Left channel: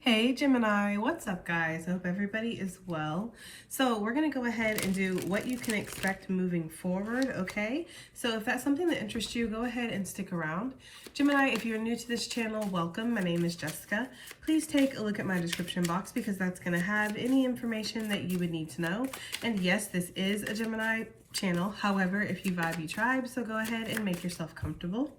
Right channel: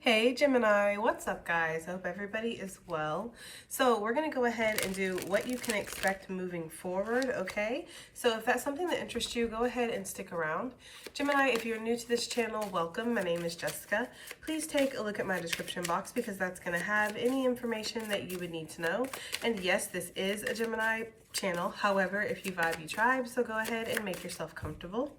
Hey Gemini, what's up guys? I hope everybody is well. So we're going to go ahead and do what you can expect moving forward, okay? So if that's something that interests you, go ahead and stick around. Gemini, if you're new to this channel, welcome. My name is Jessica. Please take a look at my description box because that's going to have any information that you would need to know. And yes, this is a Gemini channel. However, if you vibe, you tribe, so go ahead and make yourself comfortable.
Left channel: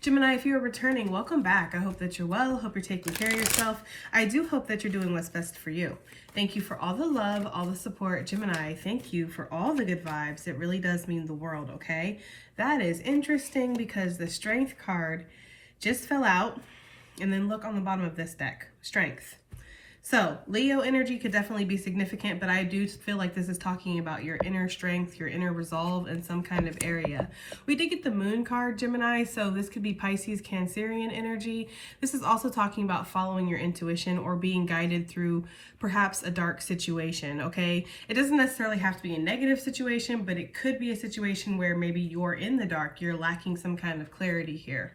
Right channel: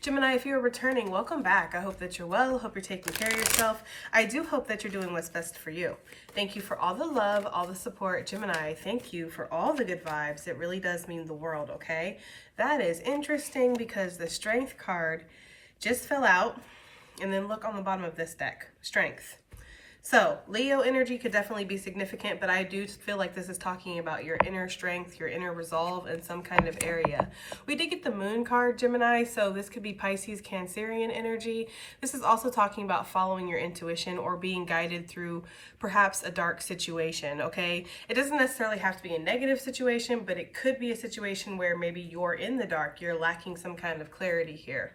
Gemini, if you're returning, welcome back. I hope that you're well. Hope you're taking care of yourself. I do hope that you're doing what's best for you. Thank you for all the love, all the support. Gemini, thank you for all the good vibes. It really does mean the world, okay? That is interesting because the Strength card just fell out. And then look on the bottom of this deck, Strength. So Leo energy could definitely be significant, but I do feel like this is talking about your inner strength, your inner resolve in some kind of area. We did get the Moon card, Gemini, so this could be Pisces, Cancerian energy. This is also talking about following your intuition or being guided through perhaps a dark situation, okay? It doesn't necessarily have to be a negative situation, but it could be a situation where maybe you're in the dark, you're lacking some kind of clarity here.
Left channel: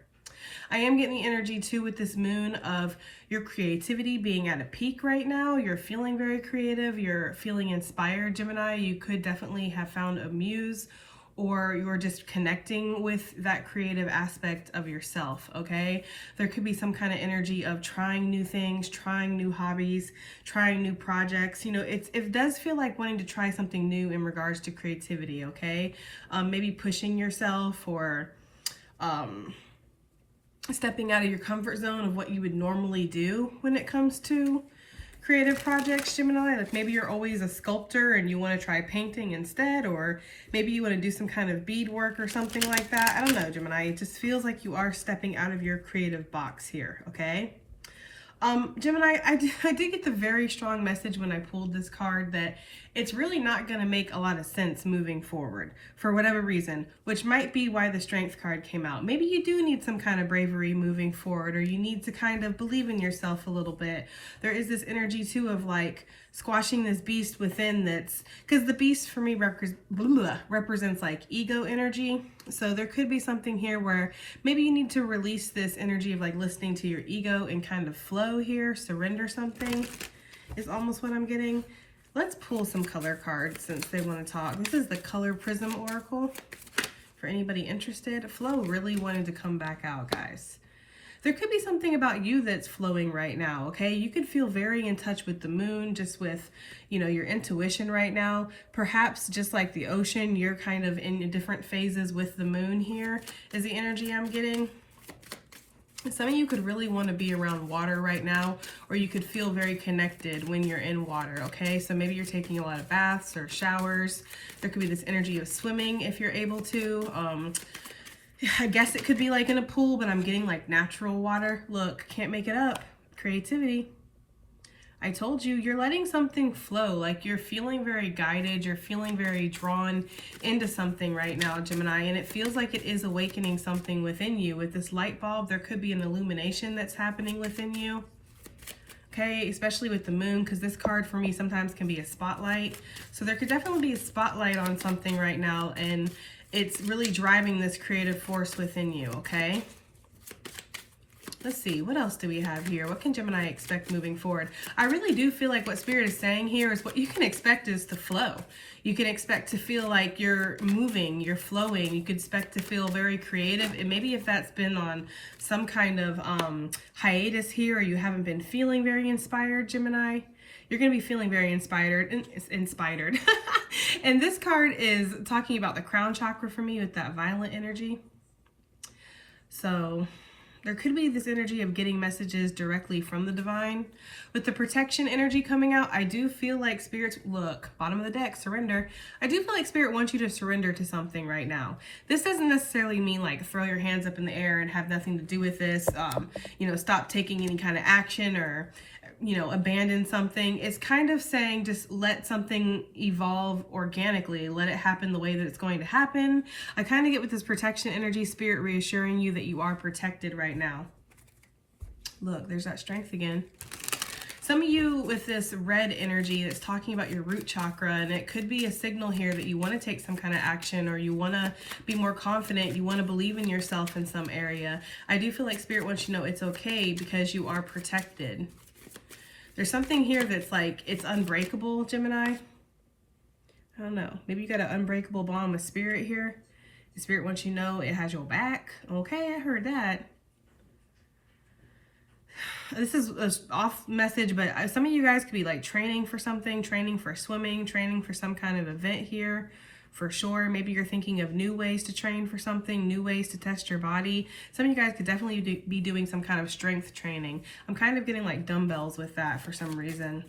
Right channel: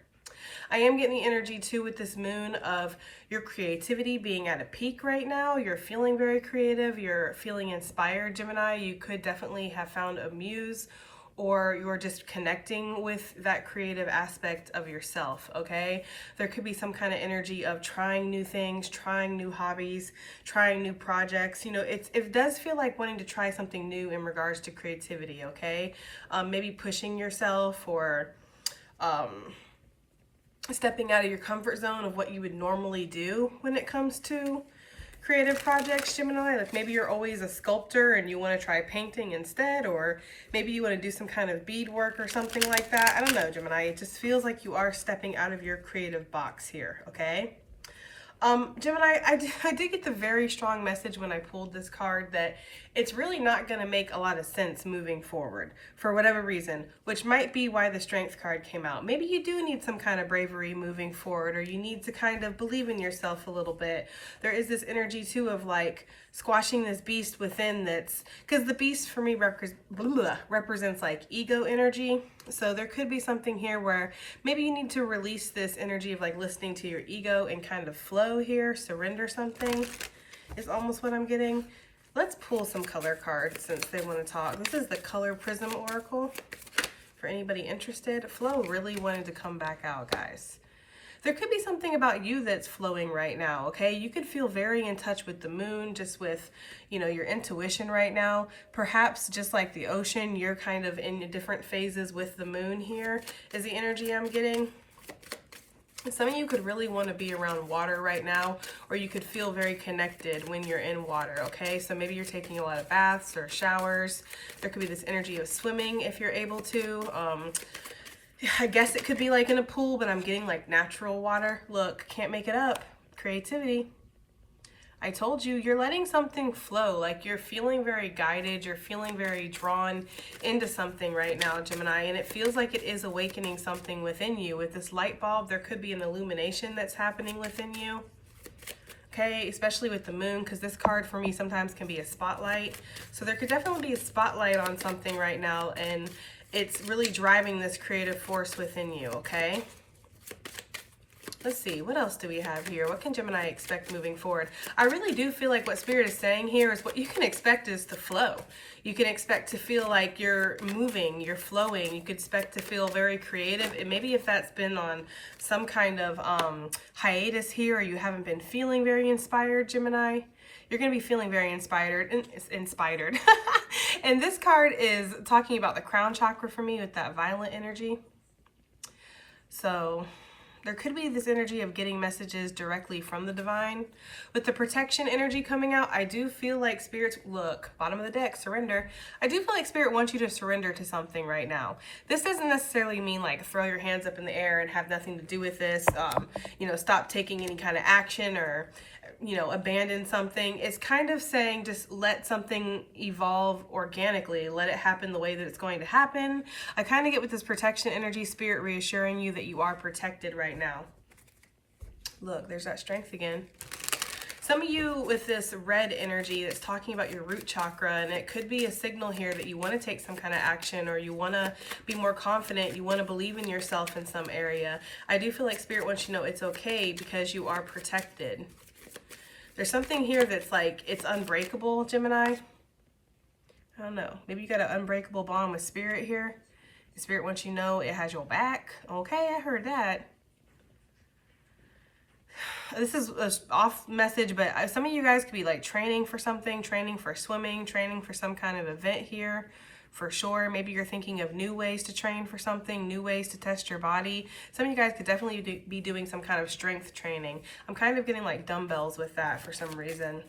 I am getting the energy too with this moon of your creativity being at a peak right now. You're feeling very creative. You're feeling inspired, Gemini. You could definitely have found a muse or you're just connecting with that creative aspect of yourself, okay? There could be some kind of energy of trying new things, trying new hobbies, trying new projects. You know, it does feel like wanting to try something new in regards to creativity, okay? Maybe pushing yourself or stepping out of your comfort zone of what you would normally do when it comes to creative projects, Gemini. Like maybe you're always a sculptor and you want to try painting instead, or maybe you want to do some kind of beadwork or something like that. I don't know, Gemini. It just feels like you are stepping out of your creative box here, okay? Gemini, I did get the very strong message when I pulled this card that it's really not going to make a lot of sense moving forward for whatever reason, which might be why the Strength card came out. Maybe you do need some kind of bravery moving forward, or you need to kind of believe in yourself a little bit. There is this energy too of like squashing this beast within that's, because the beast for me represents like ego energy. So there could be something here where maybe you need to release this energy of like listening to your ego and kind of flow here, surrender something is almost what I'm getting. Let's pull some color cards since they want to talk. This is the Color Prism Oracle for anybody interested. Flow really wanted to come back out, guys. There could be something about you that's flowing right now, okay? You could feel very in touch with the moon, just with, you know, your intuition right now. Perhaps just like the ocean, you're kind of in different phases with the moon here is the energy I'm getting. Some of you could really want to be around water right now, or you could feel very connected when you're in water, okay? So maybe you're taking a lot of baths or showers. There could be this energy of swimming if you're able to. I guess it could be like in a pool, but I'm getting like natural water. Look, can't make it up. Creativity. I told you, you're letting something flow. Like you're feeling very guided. You're feeling very drawn into something right now, Gemini. And it feels like it is awakening something within you. With this light bulb, there could be an illumination that's happening within you. Okay, especially with the moon, because this card for me sometimes can be a spotlight. So there could definitely be a spotlight on something right now, and it's really driving this creative force within you, okay? Let's see, what else do we have here? What can Gemini expect moving forward? I really do feel like what Spirit is saying here is what you can expect is to flow. You can expect to feel like you're moving, you're flowing. You could expect to feel very creative. And maybe if that's been on some kind of hiatus here, or you haven't been feeling very inspired, Gemini, you're going to be feeling very inspired. And this card is talking about the crown chakra for me with that violent energy. So there could be this energy of getting messages directly from the divine. With the protection energy coming out, I do feel like Spirit's, look, bottom of the deck, surrender. I do feel like Spirit wants you to surrender to something right now. This doesn't necessarily mean like throw your hands up in the air and have nothing to do with this, you know, stop taking any kind of action or, you know, abandon something. It's kind of saying just let something evolve organically. Let it happen the way that it's going to happen. I kind of get with this protection energy, Spirit reassuring you that you are protected right now. Look, there's that Strength again. Some of you with this red energy that's talking about your root chakra, and it could be a signal here that you want to take some kind of action, or you want to be more confident, you want to believe in yourself in some area. I do feel like Spirit wants you to know it's okay because you are protected. There's something here that's like, it's unbreakable, Gemini. I don't know. Maybe you got an unbreakable bond with Spirit here. The Spirit wants you to know it has your back. Okay, I heard that. This is an off message, but some of you guys could be like training for something, training for swimming, training for some kind of event here. For sure. Maybe you're thinking of new ways to train for something, new ways to test your body. Some of you guys could definitely be doing some kind of strength training. I'm kind of getting like dumbbells with that for some reason.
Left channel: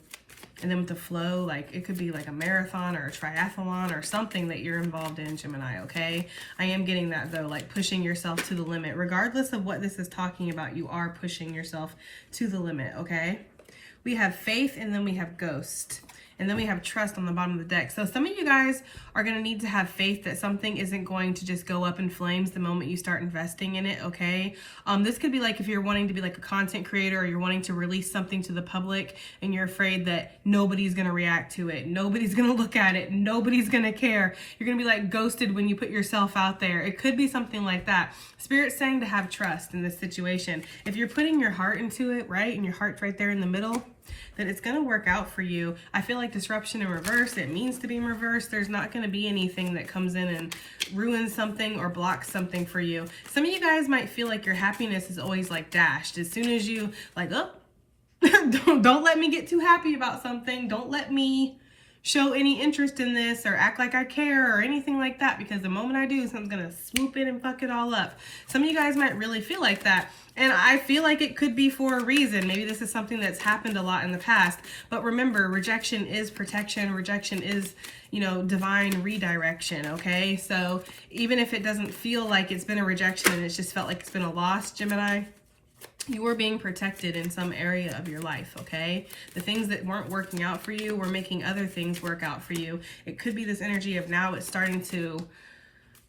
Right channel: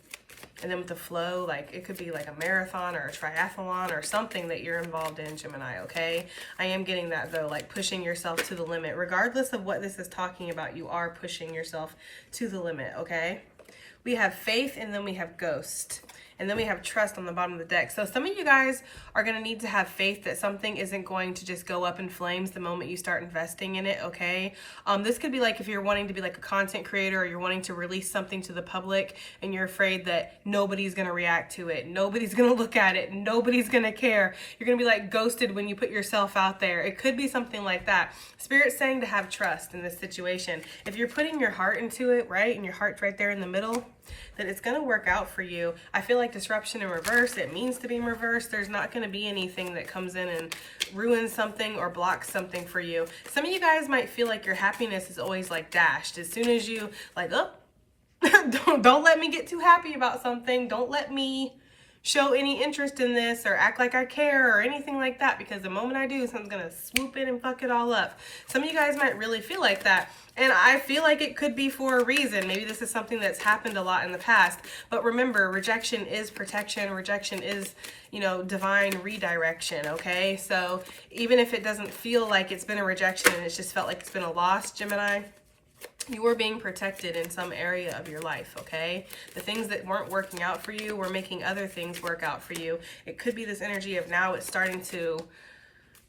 And then with the flow, like it could be like a marathon or a triathlon or something that you're involved in, Gemini, okay? I am getting that though, like pushing yourself to the limit. Regardless of what this is talking about, you are pushing yourself to the limit, okay? We have faith, and then we have ghost. And then we have trust on the bottom of the deck. So some of you guys are going to need to have faith that something isn't going to just go up in flames the moment you start investing in it, okay? This could be like if you're wanting to be like a content creator, or you're wanting to release something to the public and you're afraid that nobody's going to react to it. Nobody's going to look at it. Nobody's going to care. You're going to be like ghosted when you put yourself out there. It could be something like that. Spirit's saying to have trust in this situation. If you're putting your heart into it, right, and your heart's right there in the middle, then it's going to work out for you. I feel like disruption in reverse, it means to be in reverse. There's not going to be anything that comes in and ruins something or blocks something for you. Some of you guys might feel like your happiness is always like dashed. As soon as you like, oh, don't let me get too happy about something. Don't let me show any interest in this or act like I care or anything like that, because the moment I do, something's going to swoop in and fuck it all up. Some of you guys might really feel like that. And I feel like it could be for a reason. Maybe this is something that's happened a lot in the past. But remember, rejection is protection. Rejection is, you know, divine redirection, okay? So even if it doesn't feel like it's been a rejection and it's just felt like it's been a loss, Gemini, you are being protected in some area of your life, okay? The things that weren't working out for you were making other things work out for you. It could be this energy of now it's starting to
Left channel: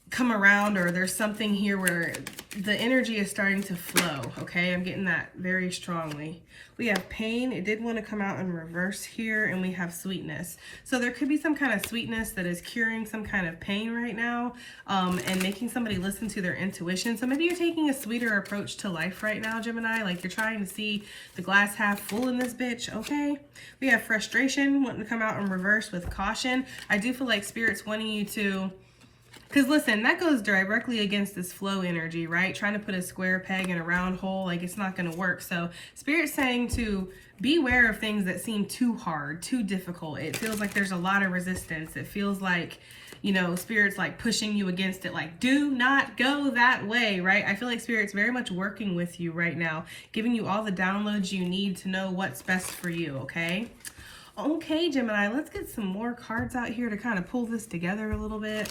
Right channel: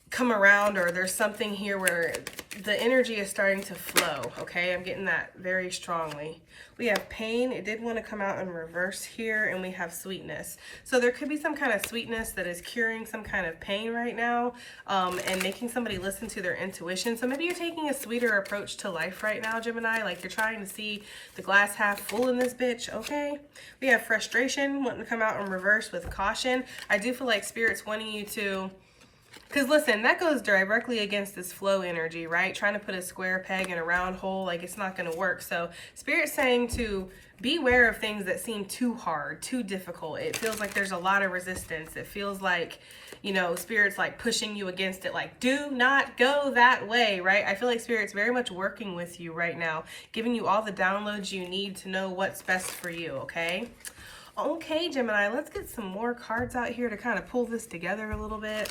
come around, or there's something here where the energy is starting to flow, okay? I'm getting that very strongly. We have pain. It did want to come out in reverse here, and we have sweetness. So there could be some kind of sweetness that is curing some kind of pain right now, and making somebody listen to their intuition. So maybe you're taking a sweeter approach to life right now, Gemini, like you're trying to see the glass half full in this bitch, okay? We have frustration wanting to come out in reverse with caution. I do feel like Spirit's wanting you to, because listen, that goes directly against this flow energy, right? Trying to put a square peg in a round hole, like it's not going to work. So Spirit's saying to beware of things that seem too hard, too difficult. It feels like there's a lot of resistance. It feels like, you know, Spirit's like pushing you against it, like do not go that way, right? I feel like Spirit's very much working with you right now, giving you all the downloads you need to know what's best for you, okay? Okay, Gemini, let's get some more cards out here to kind of pull this together a little bit.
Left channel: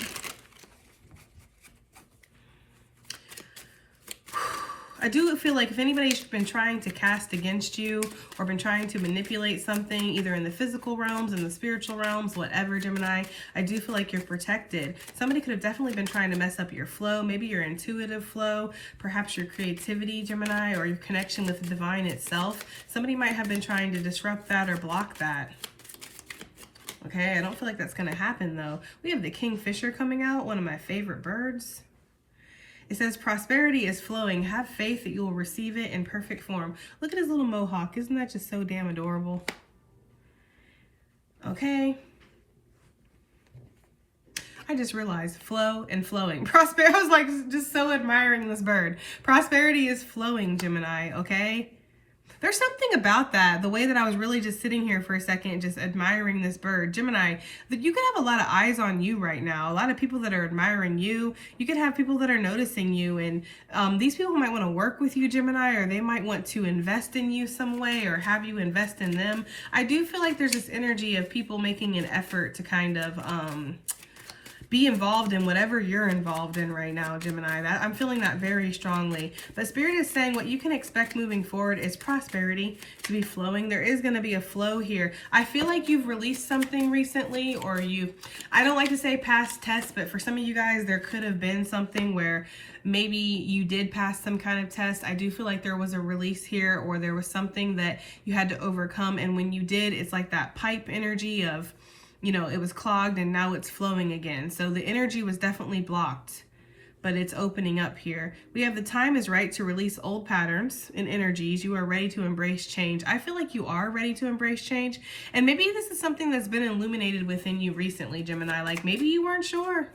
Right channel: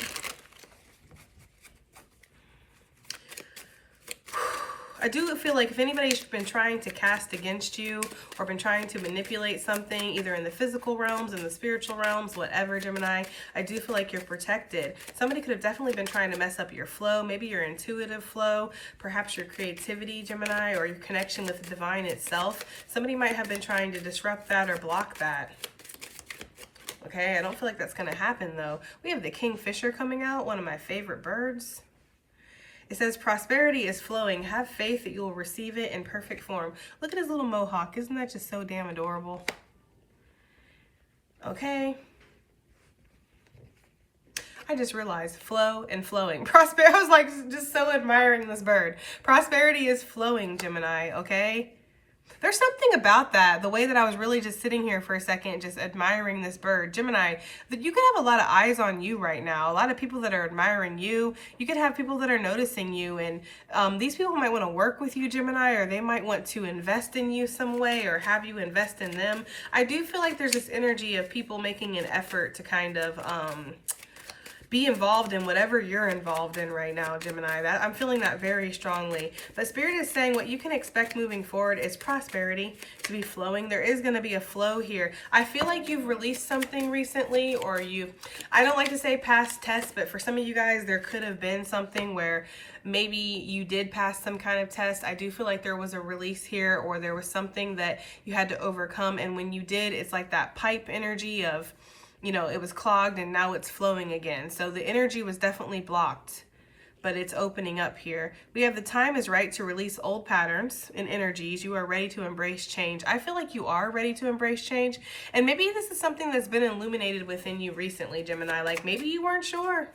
I do feel like if anybody's been trying to cast against you or been trying to manipulate something, either in the physical realms, in the spiritual realms, whatever, Gemini, I do feel like you're protected. Somebody could have definitely been trying to mess up your flow, maybe your intuitive flow, perhaps your creativity, Gemini, or your connection with the divine itself. Somebody might have been trying to disrupt that or block that. Okay, I don't feel like that's going to happen, though. We have the Kingfisher coming out, one of my favorite birds. It says, prosperity is flowing. Have faith that you will receive it in perfect form. Look at his little mohawk. Isn't that just so damn adorable? Okay. I just realized flow and flowing. Prosperity, I was like just so admiring this bird. Prosperity is flowing, Gemini, okay? There's something about that, the way that I was really just sitting here for a second, just admiring this bird. Gemini, that you could have a lot of eyes on you right now, a lot of people that are admiring you. You could have people that are noticing you, and these people might want to work with you, Gemini, or they might want to invest in you some way or have you invest in them. I do feel like there's this energy of people making an effort to kind of be involved in whatever you're involved in right now, Gemini. I'm feeling that very strongly. But Spirit is saying what you can expect moving forward is prosperity to be flowing. There is going to be a flow here. I feel like you've released something recently, or I don't like to say past tests, but for some of you guys, there could have been something where maybe you did pass some kind of test. I do feel like there was a release here, or there was something that you had to overcome. And when you did, it's like that pipe energy of, you know, it was clogged and now it's flowing again. So the energy was definitely blocked, but it's opening up here. We have the time is right to release old patterns and energies. You are ready to embrace change. I feel like you are ready to embrace change. And maybe this is something that's been illuminated within you recently, Gemini. Like maybe you weren't sure.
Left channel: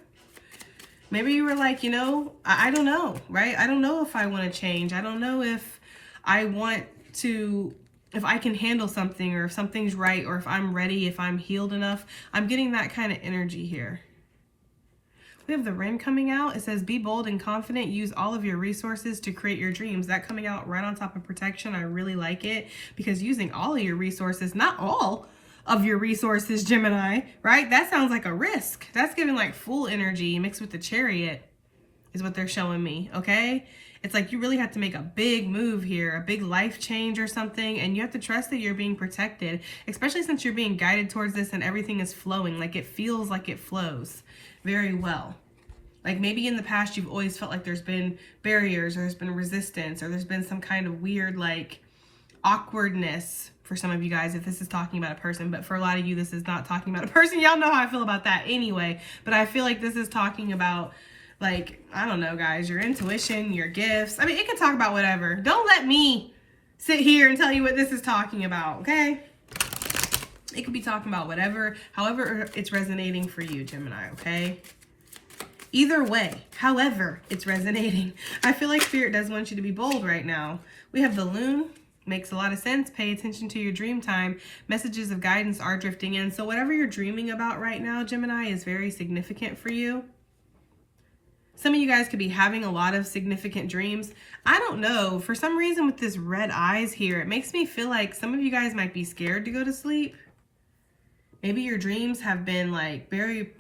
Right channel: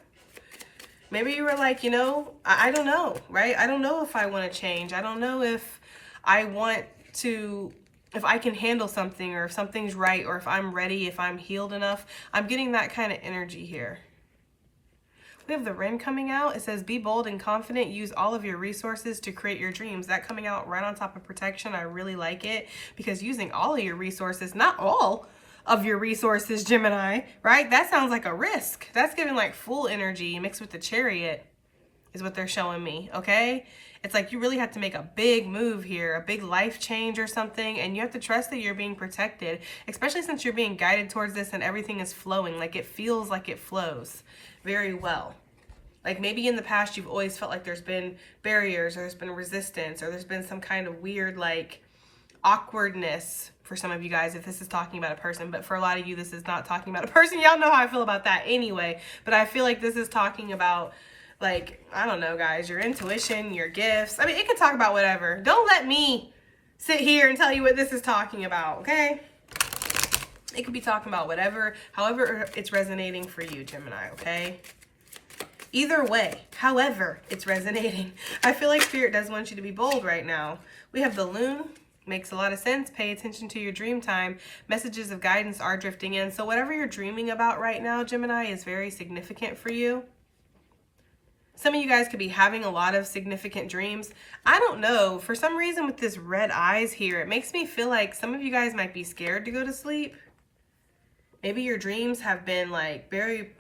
Maybe you were like, you know, I don't know, right? I don't know if I want to change. I don't know if I want to, if I can handle something, or if something's right, or if I'm ready, if I'm healed enough. I'm getting that kind of energy here. We have the Wren coming out. It says, be bold and confident. Use all of your resources to create your dreams. That coming out right on top of protection. I really like it, because using all of your resources, not all of your resources, Gemini, right? That sounds like a risk. That's giving like full energy mixed with the Chariot is what they're showing me, okay? It's like you really have to make a big move here, a big life change or something, and you have to trust that you're being protected, especially since you're being guided towards this and everything is flowing. Like it feels like it flows very well. Like maybe in the past you've always felt like there's been barriers, or there's been resistance, or there's been some kind of weird like awkwardness for some of you guys if this is talking about a person. But for a lot of you, this is not talking about a person. Y'all know how I feel about that anyway. But I feel like this is talking about, like, I don't know, guys, your intuition, your gifts. I mean, it could talk about whatever. Don't let me sit here and tell you what this is talking about, okay? It could be talking about whatever, however it's resonating for you, Gemini, okay? Either way, however it's resonating. I feel like Spirit does want you to be bold right now. We have the Loon. Makes a lot of sense. Pay attention to your dream time. Messages of guidance are drifting in. So whatever you're dreaming about right now, Gemini, is very significant for you. Some of you guys could be having a lot of significant dreams. I don't know. For some reason with this red eyes here, it makes me feel like some of you guys might be scared to go to sleep. Maybe your dreams have been like very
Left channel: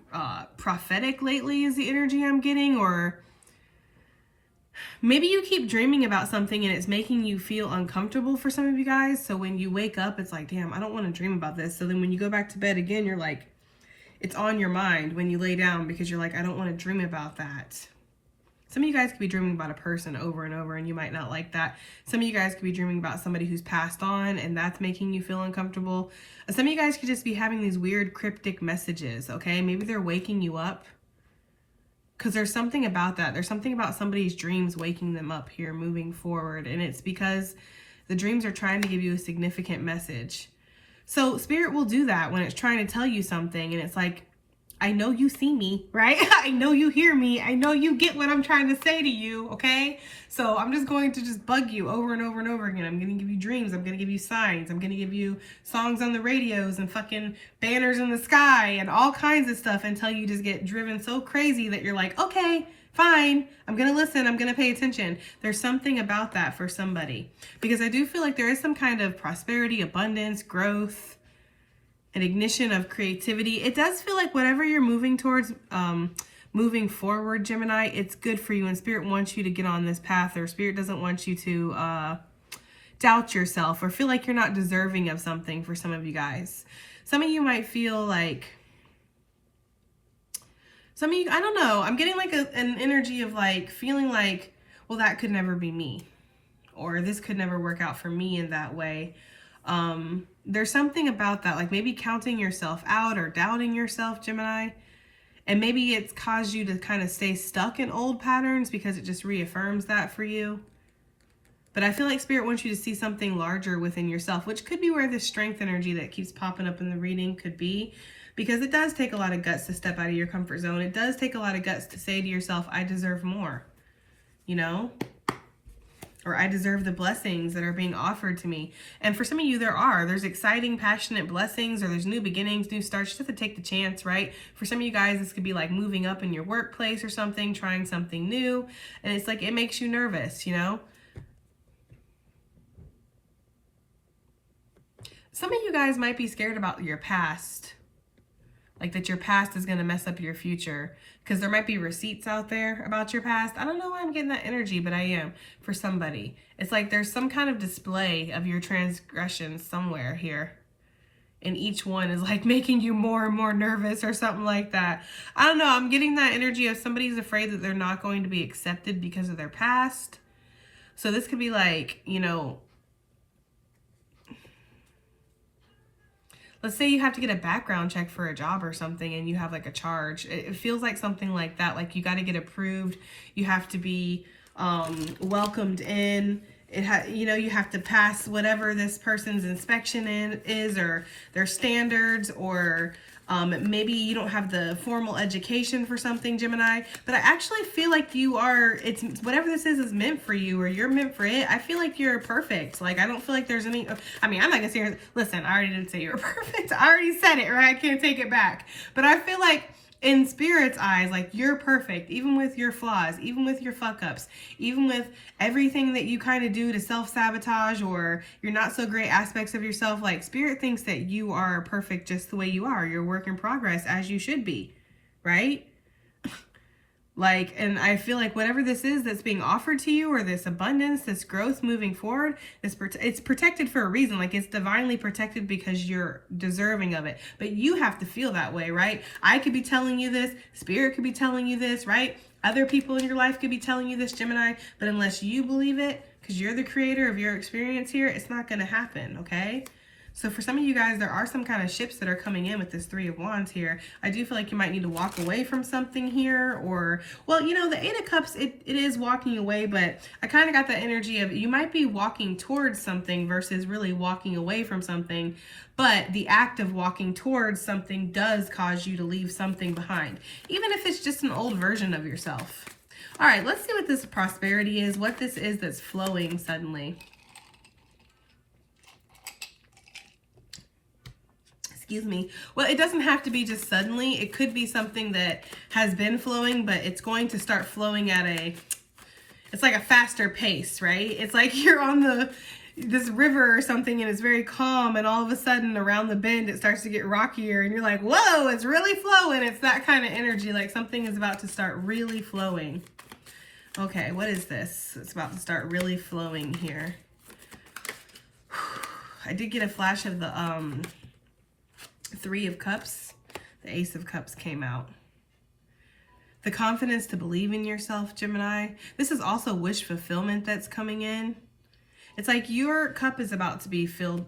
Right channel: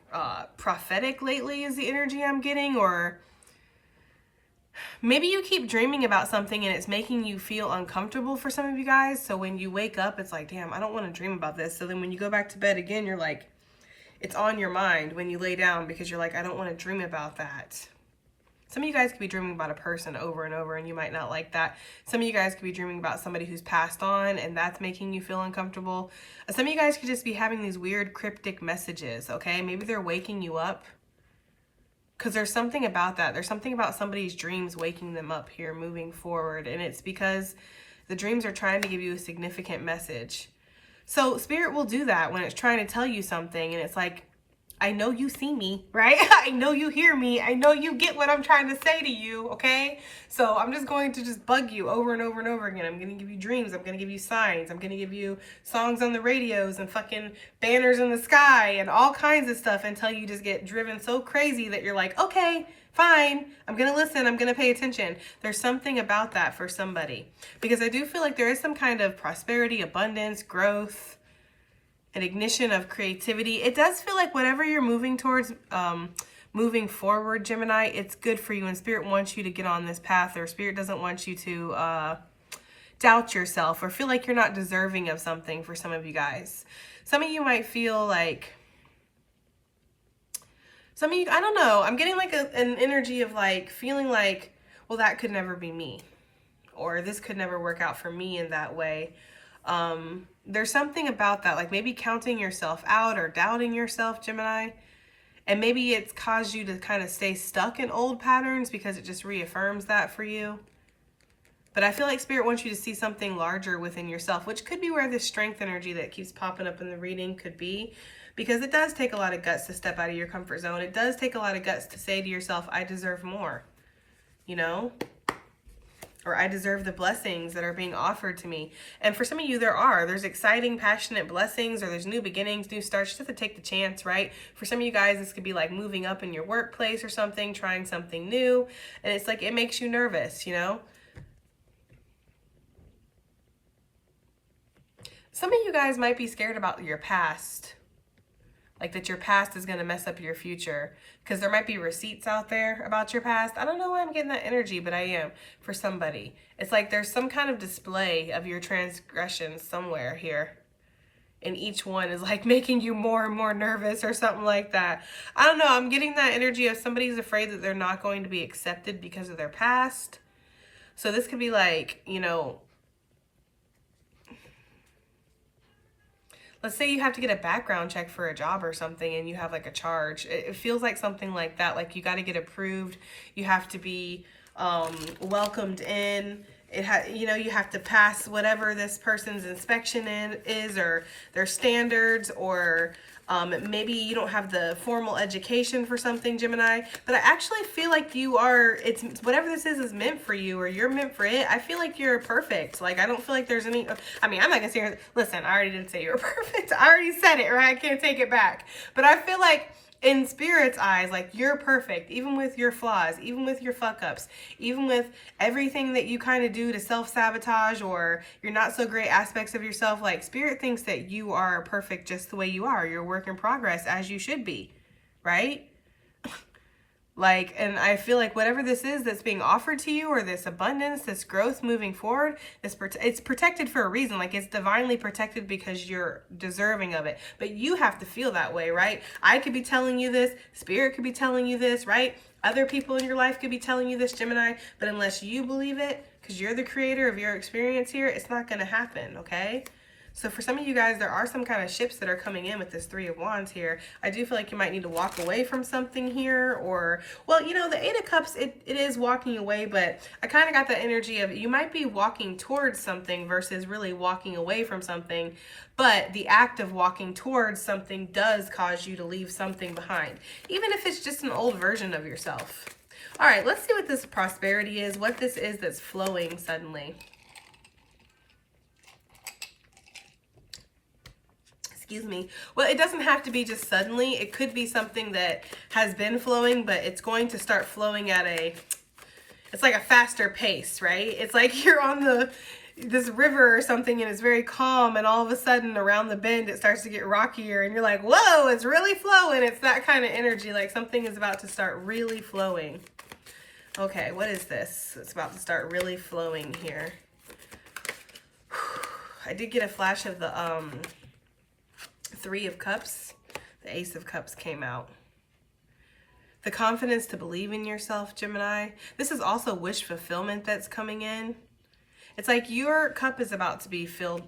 prophetic lately is the energy I'm getting, or maybe you keep dreaming about something and it's making you feel uncomfortable for some of you guys. So when you wake up, it's like, damn, I don't want to dream about this. So then when you go back to bed again, you're like, it's on your mind when you lay down, because you're like, I don't want to dream about that. Some of you guys could be dreaming about a person over and over, and you might not like that. Some of you guys could be dreaming about somebody who's passed on, and that's making you feel uncomfortable. Some of you guys could just be having these weird cryptic messages, okay? Maybe they're waking you up. Because there's something about that. There's something about somebody's dreams waking them up here, moving forward. And it's because the dreams are trying to give you a significant message. So Spirit will do that when it's trying to tell you something. And it's like, I know you see me, right? I know you hear me. I know you get what I'm trying to say to you, okay? So I'm just going to just bug you over and over and over again. I'm going to give you dreams. I'm going to give you signs. I'm going to give you songs on the radios and fucking banners in the sky and all kinds of stuff until you just get driven so crazy that you're like, okay, fine. I'm going to listen. I'm going to pay attention. There's something about that for somebody, because I do feel like there is some kind of prosperity, abundance, growth, an ignition of creativity. It does feel like whatever you're moving towards, moving forward, Gemini, it's good for you, and Spirit wants you to get on this path, or Spirit doesn't want you to doubt yourself or feel like you're not deserving of something. For some of you guys, some of you might feel like, some of you, I don't know, I'm getting like an energy of like feeling like, well, that could never be me, or this could never work out for me in that way. There's something about that, like maybe counting yourself out or doubting yourself, Gemini. And maybe it's caused you to kind of stay stuck in old patterns because it just reaffirms that for you. But I feel like Spirit wants you to see something larger within yourself, which could be where this strength energy that keeps popping up in the reading could be. Because it does take a lot of guts to step out of your comfort zone. It does take a lot of guts to say to yourself, I deserve more, you know? Or I deserve the blessings that are being offered to me. And for some of you, there's exciting, passionate blessings, or there's new beginnings, new starts. You just have to take the chance, right? For some of you guys, this could be like moving up in your workplace or something, trying something new. And it's like, it makes you nervous, you know? Some of you guys might be scared about your past. Like that your past is going to mess up your future, because there might be receipts out there about your past. I don't know why I'm getting that energy, but I am for somebody. It's like there's some kind of display of your transgressions somewhere here and each one is like making you more and more nervous or something like that. I don't know. I'm getting that energy of somebody's afraid that they're not going to be accepted because of their past. So this could be like, you know, let's say you have to get a background check for a job or something and you have like a charge. It feels like something like that. Like you got to get approved. You have to be welcomed in. You know, you have to pass whatever this person's inspection is, or their standards, or maybe you don't have the formal education for something, Gemini. But I actually feel like you are, it's whatever this is meant for you, or you're meant for it. I feel like you're perfect. Like, I don't feel like there's any, I mean, I'm not gonna say, listen, I already didn't say you were perfect. I already said it, right? I can't take it back. But I feel like in Spirit's eyes, like, you're perfect, even with your flaws, even with your fuck ups, even with everything that you kind of do to self-sabotage or your not so great aspects of yourself. Like, Spirit thinks that you are perfect just the way you are. You're a work in progress, as you should be, right? Like, and I feel like whatever this is that's being offered to you, or this abundance, this growth moving forward, it's protected for a reason. Like, it's divinely protected because you're deserving of it. But you have to feel that way, right? I could be telling you this. Spirit could be telling you this, right? Other people in your life could be telling you this, Gemini. But unless you believe it, because you're the creator of your experience here, it's not going to happen, okay? So for some of you guys, there are some kind of shifts that are coming in with this Three of Wands here. I do feel like you might need to walk away from something here, or, well, you know, the Eight of Cups, it is walking away, but I kind of got the energy of you might be walking towards something versus really walking away from something, but the act of walking towards something does cause you to leave something behind, even if it's just an old version of yourself. All right, let's see what this prosperity is, what this is that's flowing suddenly. Excuse me. Well, it doesn't have to be just suddenly. It could be something that has been flowing, but it's going to start flowing at it's like a faster pace, right? It's like you're on this river or something and it's very calm, and all of a sudden around the bend it starts to get rockier and you're like, whoa, it's really flowing. It's that kind of energy, like something is about to start really flowing. Okay, what is this? It's about to start really flowing here. I did get a flash of the Three of Cups. The Ace of Cups came out. The confidence to believe in yourself, Gemini. This is also wish fulfillment that's coming in. It's like your cup is about to be filled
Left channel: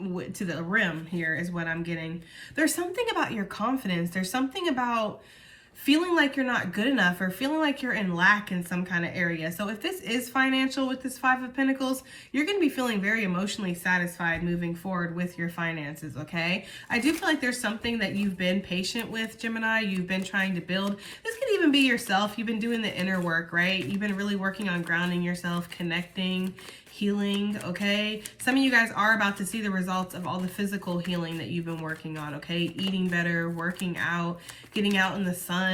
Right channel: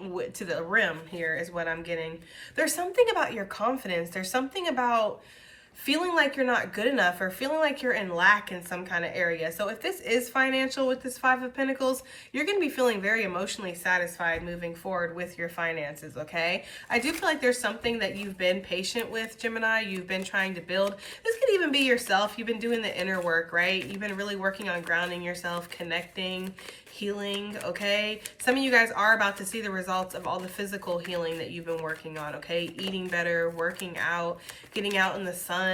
to the rim here is what I'm getting. There's something about your confidence. There's something about feeling like you're not good enough, or feeling like you're in lack in some kind of area. So if this is financial with this Five of Pentacles, you're going to be feeling very emotionally satisfied moving forward with your finances, okay? I do feel like there's something that you've been patient with, Gemini. You've been trying to build. This could even be yourself. You've been doing the inner work, right? You've been really working on grounding yourself, connecting, healing, okay? Some of you guys are about to see the results of all the physical healing that you've been working on, okay? Eating better, working out, getting out in the sun,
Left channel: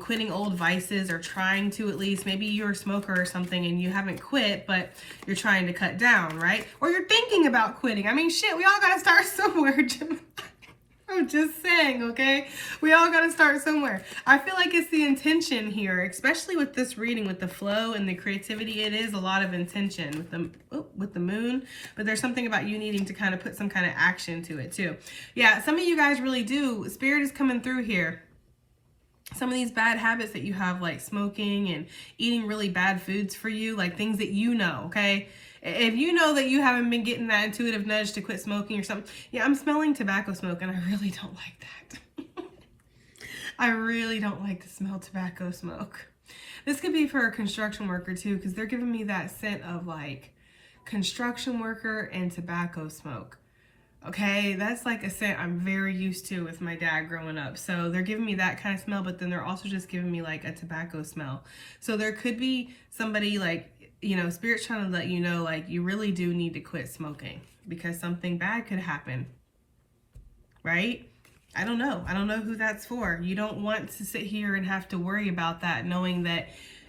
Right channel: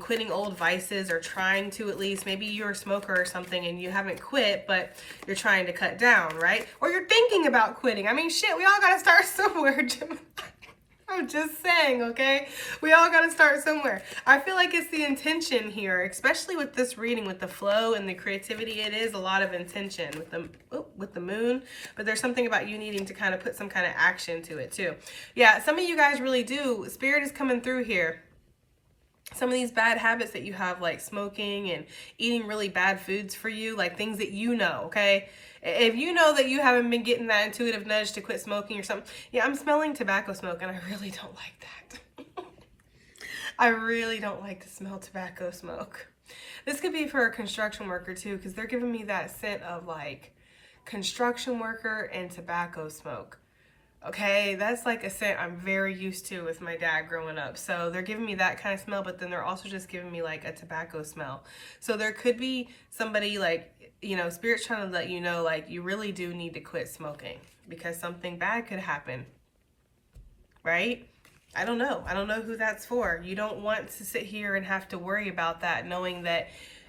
quitting old vices, or trying to at least. Maybe you're a smoker or something and you haven't quit, but you're trying to cut down, right? Or you're thinking about quitting. I mean, shit, we all got to start somewhere, Gemini. I'm just saying, okay? We all got to start somewhere. I feel like it's the intention here, especially with this reading, with the flow and the creativity. It is a lot of intention with the moon, but there's something about you needing to kind of put some kind of action to it too. Yeah, some of you guys really do. Spirit is coming through here. Some of these bad habits that you have, like smoking and eating really bad foods for you, like things that you know, okay? If you know that you haven't been getting that intuitive nudge to quit smoking or something. Yeah, I'm smelling tobacco smoke and I really don't like that. I really don't like to smell tobacco smoke. This could be for a construction worker too, because they're giving me that scent of like construction worker and tobacco smoke. Okay, that's like a scent I'm very used to with my dad growing up. So they're giving me that kind of smell, but then they're also just giving me like a tobacco smell. So there could be somebody like, you know, Spirit's trying to let you know, like, you really do need to quit smoking because something bad could happen, right? I don't know. I don't know who that's for. You don't want to sit here and have to worry about that, knowing that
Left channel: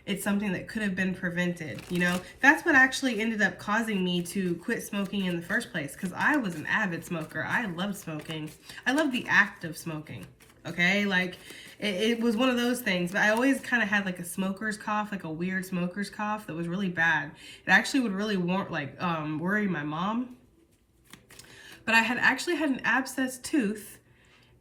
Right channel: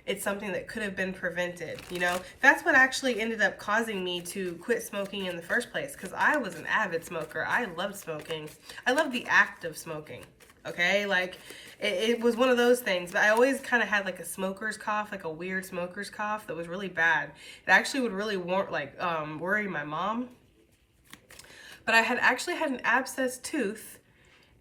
it's something that could have been prevented, you know? That's what actually ended up causing me to quit smoking in the first place, because I was an avid smoker. I loved smoking. I loved the act of smoking, okay? Like, it was one of those things, but I always kind of had like a smoker's cough, like a weird smoker's cough that was really bad. It actually would really worry my mom. but I had actually had an abscessed tooth,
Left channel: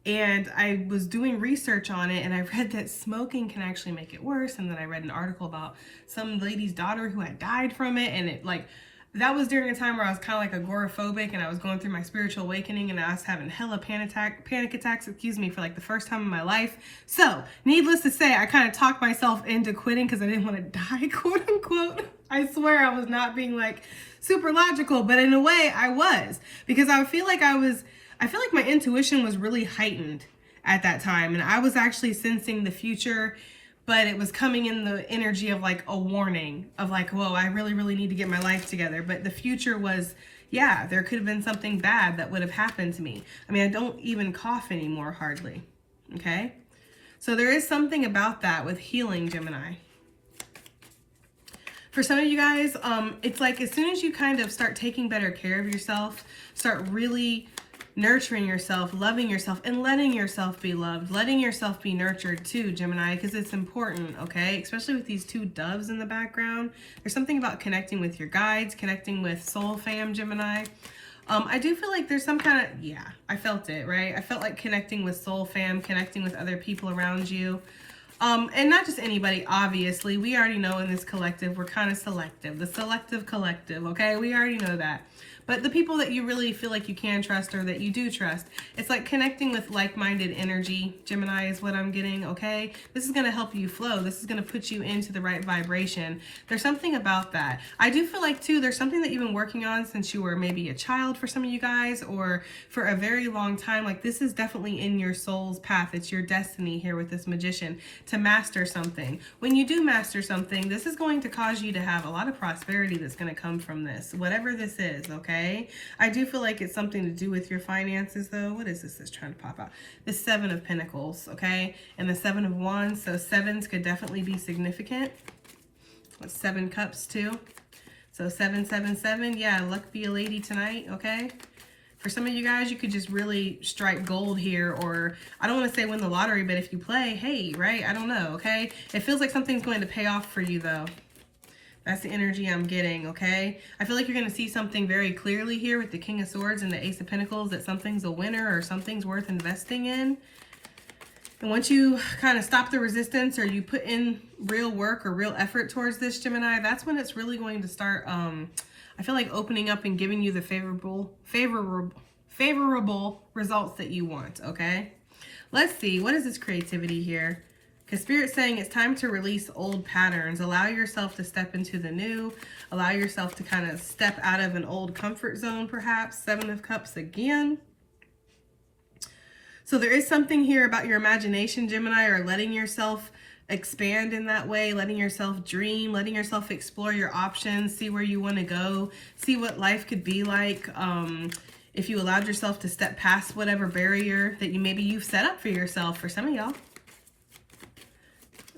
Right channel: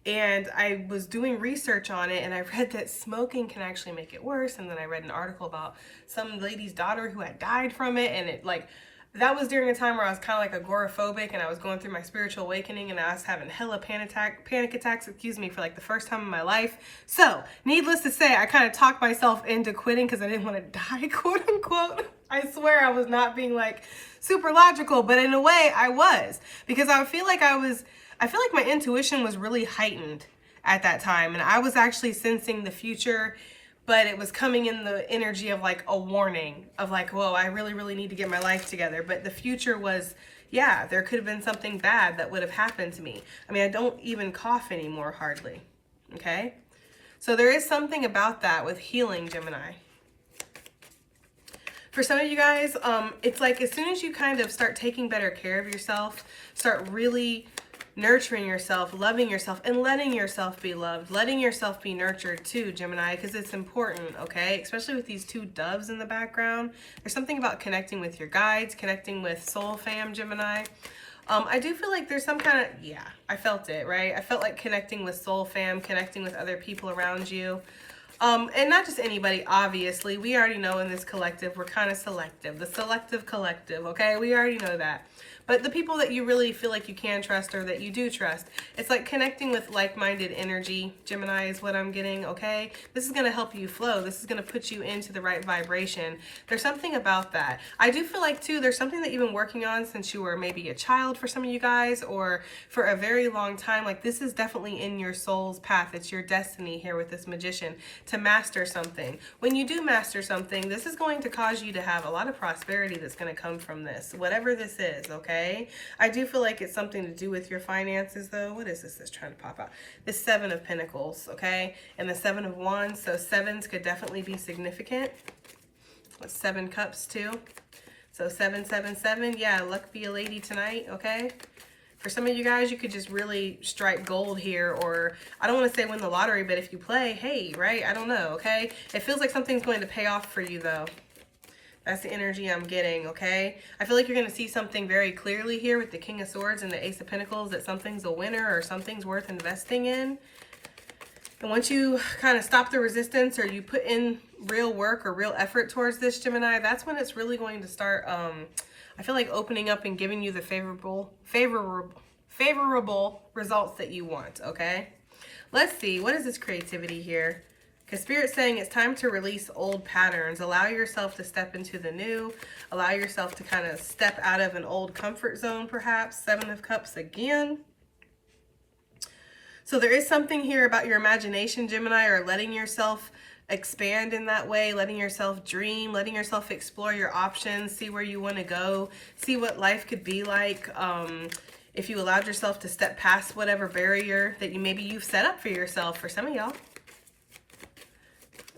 and I was doing research on it, and I read that smoking can actually make it worse. And then I read an article about some lady's daughter who had died from it, and it like, that was during a time where I was kind of like agoraphobic, and I was going through my spiritual awakening, and I was having hella panic attacks, excuse me, for like the first time in my life. So needless to say, I kind of talked myself into quitting because I didn't want to die, quote unquote. I swear I was not being like super logical, but in a way I was, because I feel like my intuition was really heightened at that time, and I was actually sensing the future, but it was coming in the energy of like a warning of like, whoa, I really, really need to get my life together. But the future was, yeah, there could have been something bad that would have happened to me. I mean, I don't even cough anymore, hardly. Okay. So there is something about that with healing, Gemini. For some of you guys, it's like as soon as you kind of start taking better care of yourself, start really nurturing yourself, loving yourself, and letting yourself be loved, letting yourself be nurtured too, Gemini, because it's important, okay? Especially with these two doves in the background. There's something about connecting with your guides, connecting with soul fam, Gemini. I do feel like there's some kind of, yeah, I felt it, right? I felt like connecting with soul fam, connecting with other people around you. And not just anybody, obviously. We already know in this collective, we're kind of selective. The selective collective, okay? We already know that. But the people that you really feel like you can trust or that you do trust, it's like connecting with like-minded energy, Gemini, is what I'm getting, okay? This is going to help you flow. This is going to put you into the right vibration. There's something about that. I do feel like, too, there's something that you've been working on since you were maybe a child for some of you guys, or for a very long time. Like, this is definitely in your soul's path. It's your destiny here with this magician to master something. When you do master something, this is going to cause you to have a lot of prosperity that's going to come from this, whatever this is, okay? I do feel like it's something to do with your finances, though. What is this that's trying to pop out? The Seven of Pentacles, okay? And the Seven of Wands. So sevens could definitely be significant. With 7 cups, too. So 777. Yeah, luck be a lady tonight, okay? For some of you guys, you could just really strike gold here, or I don't want to say win the lottery, but if you play, hey, right? I don't know, okay? It feels like something's going to pay off for you, though. That's the energy I'm getting, okay? I feel like you're going to see something very clearly here with the King of Swords and the Ace of Pentacles, that something's a winner or something's worth investing in. And once you kind of stop the resistance, or you put in real work or real effort towards this, Gemini, that's when it's really going to start, I feel like, opening up and giving you the favorable results that you want, okay? Let's see, what is this creativity here? Because Spirit's saying it's time to release old patterns. Allow yourself to step into the new. Allow yourself to kind of step out of an old comfort zone, perhaps. 7 of Cups again. So there is something here about your imagination, Gemini, or letting yourself expand in that way, letting yourself dream, letting yourself explore your options, see where you want to go, see what life could be like. If you allowed yourself to step past whatever barrier that you've set up for yourself, for some of y'all.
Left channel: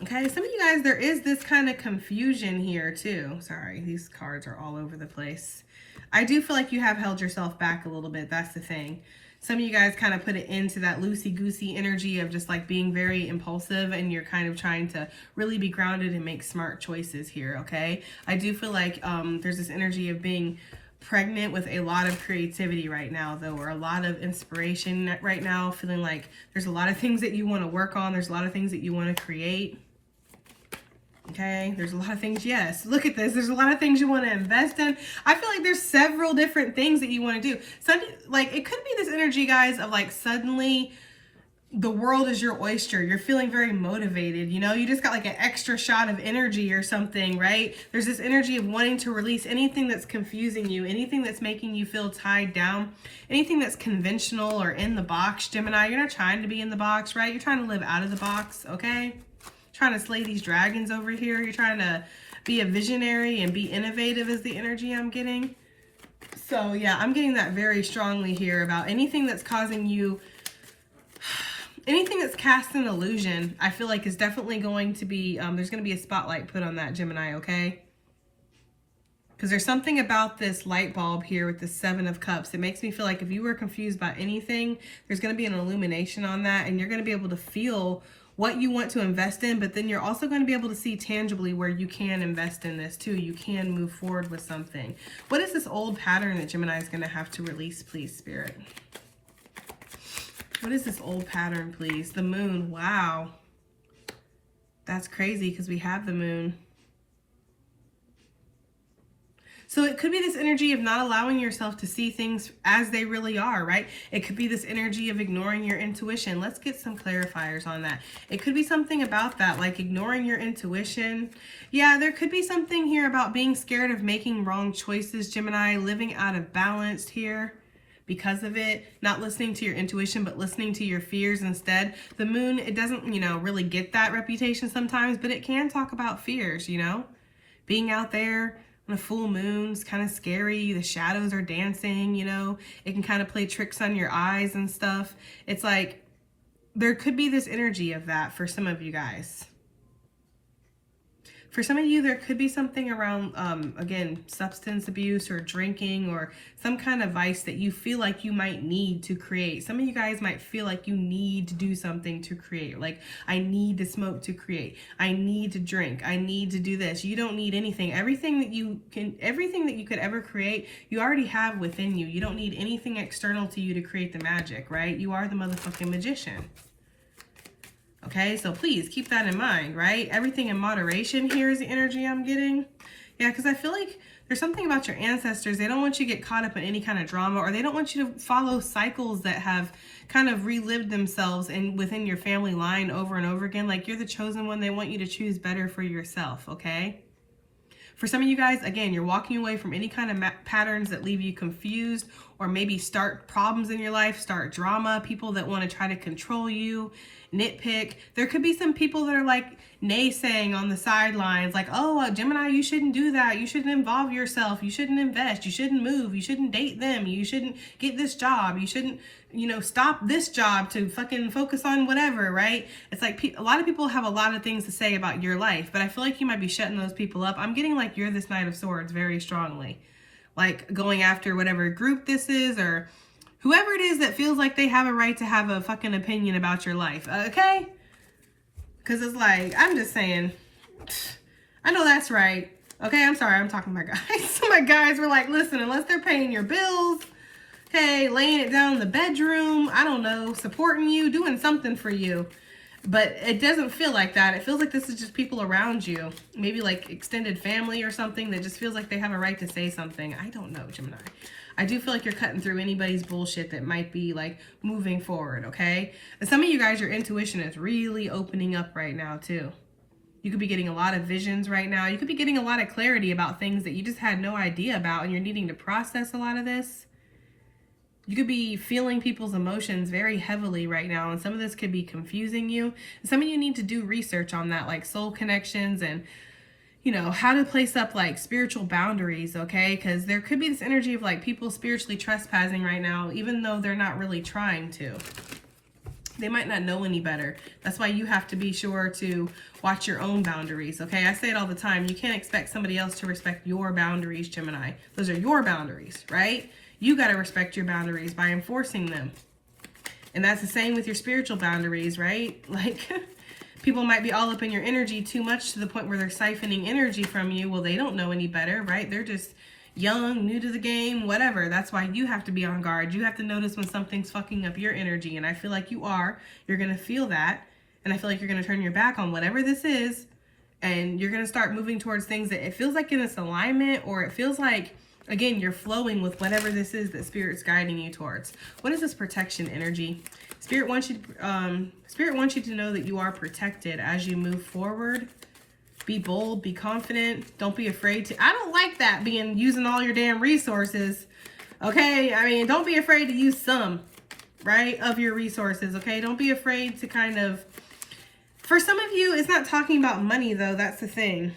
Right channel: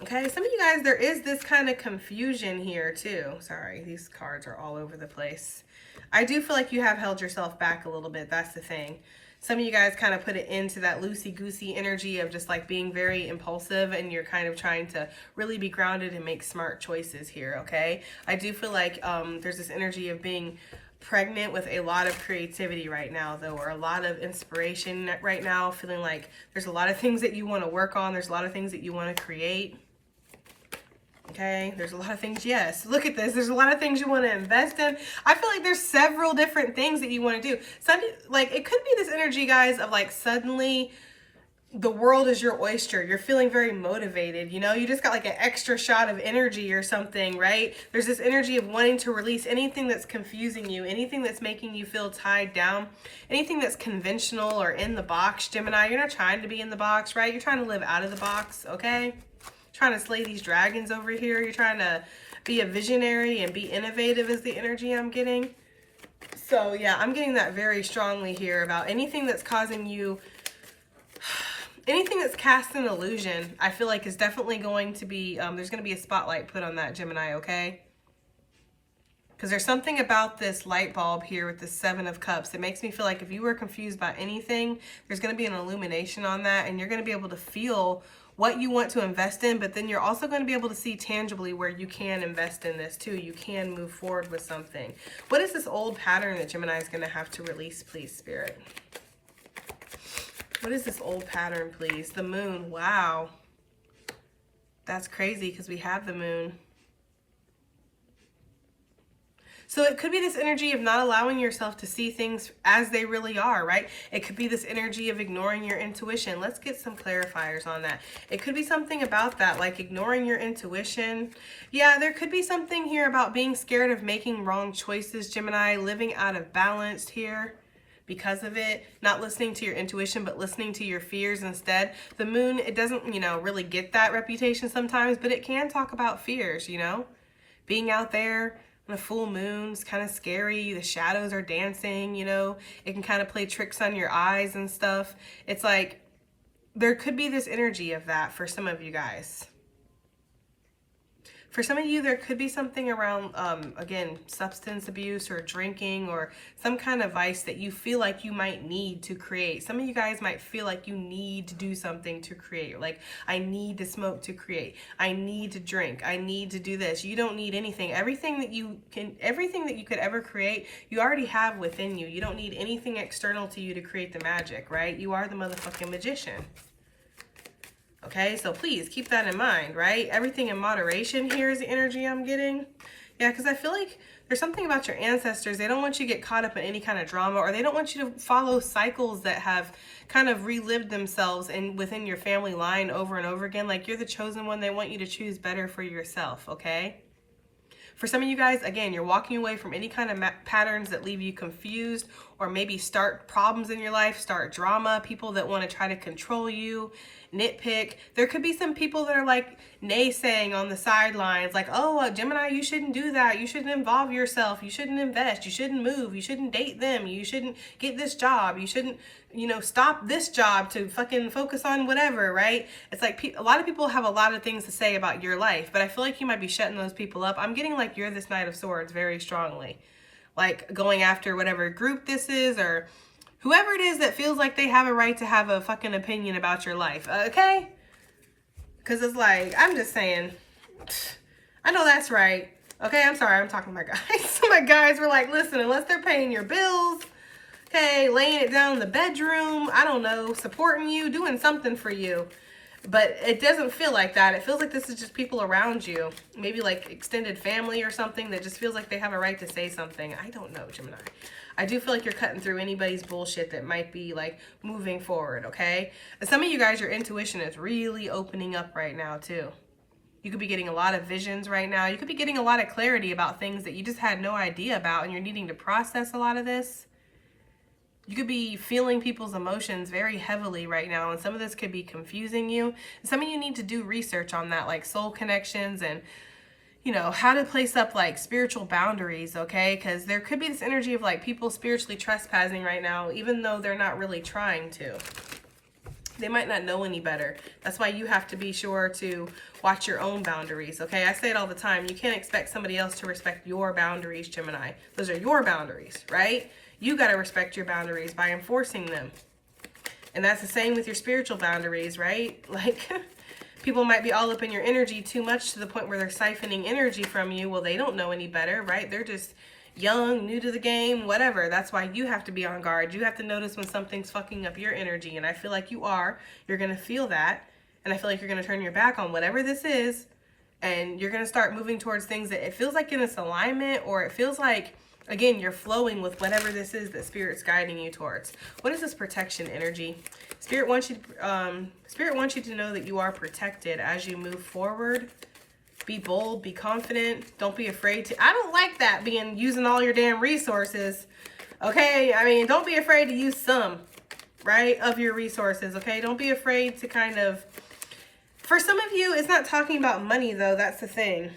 Okay, some of you guys, there is this kind of confusion here too. Sorry, these cards are all over the place. I do feel like you have held yourself back a little bit. That's the thing. Some of you guys kind of put it into that loosey-goosey energy of just like being very impulsive, and you're kind of trying to really be grounded and make smart choices here, okay? I do feel like there's this energy of being pregnant with a lot of creativity right now, though, or a lot of inspiration right now, feeling like there's a lot of things that you want to work on. There's a lot of things that you want to create. Okay, there's a lot of things. Yes, look at this. There's a lot of things you want to invest in. I feel like there's several different things that you want to do. Like, it could be this energy, guys, of like suddenly the world is your oyster. You're feeling very motivated. You know, you just got like an extra shot of energy or something, right? There's this energy of wanting to release anything that's confusing you, anything that's making you feel tied down, anything that's conventional or in the box, Gemini. You're not trying to be in the box, right? You're trying to live out of the box, okay? Trying to slay these dragons over here. You're trying to be a visionary and be innovative is the energy I'm getting. So yeah, I'm getting that very strongly here about anything that's causing you, anything that's cast an illusion. I feel like is definitely going to be, there's going to be a spotlight put on that, Gemini, okay? Because there's something about this light bulb here with the 7 of Cups. It makes me feel like if you were confused by anything, there's going to be an illumination on that, and you're going to be able to feel what you want to invest in, but then you're also going to be able to see tangibly where you can invest in this too. You can move forward with something. What is this old pattern that Gemini is going to have to release, please, Spirit? What is this old pattern, please? The moon. Wow. That's crazy because we have the moon. So it could be this energy of not allowing yourself to see things as they really are, right? It could be this energy of ignoring your intuition. Let's get some clarifiers on that. It could be something about that, like ignoring your intuition. Yeah, there could be something here about being scared of making wrong choices, Gemini, living out of balance here because of it, not listening to your intuition, but listening to your fears instead. The moon, it doesn't, you know, really get that reputation sometimes, but it can talk about fears, you know, being out there. The full moon's kind of scary. The shadows are dancing, you know. It can kind of play tricks on your eyes and stuff. It's like there could be this energy of that for some of you guys. For some of you, there could be something around, again, substance abuse or drinking or some kind of vice that you feel like you might need to create. Some of you guys might feel like you need to do something to create. Like, I need to smoke to create. I need to drink. I need to do this. You don't need anything. Everything that you could ever create, you already have within you. You don't need anything external to you to create the magic, right? You are the motherfucking magician. Okay, so please keep that in mind, right? Everything in moderation here is the energy I'm getting. Yeah, because I feel like there's something about your ancestors. They don't want you to get caught up in any kind of drama, or they don't want you to follow cycles that have kind of relived themselves within your family line over and over again. Like, you're the chosen one. They want you to choose better for yourself, okay? For some of you guys, again, you're walking away from any kind of patterns that leave you confused or maybe start problems in your life, start drama, people that want to try to control you, nitpick. There could be some people that are like naysaying on the sidelines, like, oh, Gemini, you shouldn't do that. You shouldn't involve yourself. You shouldn't invest. You shouldn't move. You shouldn't date them. You shouldn't get this job. You shouldn't, you know, stop this job to fucking focus on whatever, right? It's like a lot of people have a lot of things to say about your life, but I feel like you might be shutting those people up. I'm getting like you're this Knight of Swords very strongly, like going after whatever group this is or whoever it is that feels like they have a right to have a fucking opinion about your life, okay? Because it's like, I'm just saying, I know that's right. Okay, I'm sorry, I'm talking to my guys. My guys were like, listen, unless they're paying your bills, okay, laying it down in the bedroom, I don't know, supporting you, doing something for you. But it doesn't feel like that. It feels like this is just people around you. Maybe like extended family or something that just feels like they have a right to say something. I don't know, Gemini. I do feel like you're cutting through anybody's bullshit that might be like moving forward, okay? And some of you guys, your intuition is really opening up right now too. You could be getting a lot of visions right now. You could be getting a lot of clarity about things that you just had no idea about and you're needing to process a lot of this. You could be feeling people's emotions very heavily right now, and some of this could be confusing you. Some of you need to do research on that, like soul connections and, you know, how to place up like spiritual boundaries, okay? Because there could be this energy of like people spiritually trespassing right now, even though they're not really trying to. They might not know any better. That's why you have to be sure to watch your own boundaries, okay? I say it all the time. You can't expect somebody else to respect your boundaries, Gemini. Those are your boundaries, right? You got to respect your boundaries by enforcing them. And that's the same with your spiritual boundaries, right? Like, people might be all up in your energy too much to the point where they're siphoning energy from you. Well, they don't know any better, right? They're just young, new to the game, whatever. That's why you have to be on guard. You have to notice when something's fucking up your energy. And I feel like you are. You're going to feel that. And I feel like you're going to turn your back on whatever this is. And you're going to start moving towards things that it feels like in this alignment, or it feels like, again, you're flowing with whatever this is that Spirit's guiding you towards. What is this protection energy? Spirit wants you to know that you are protected as you move forward. Be bold, be confident. Don't be afraid to. I don't like that using all your damn resources. Okay? I mean, don't be afraid to use some, right, of your resources. Okay? Don't be afraid to kind of. For some of you, it's not talking about money though. That's the thing.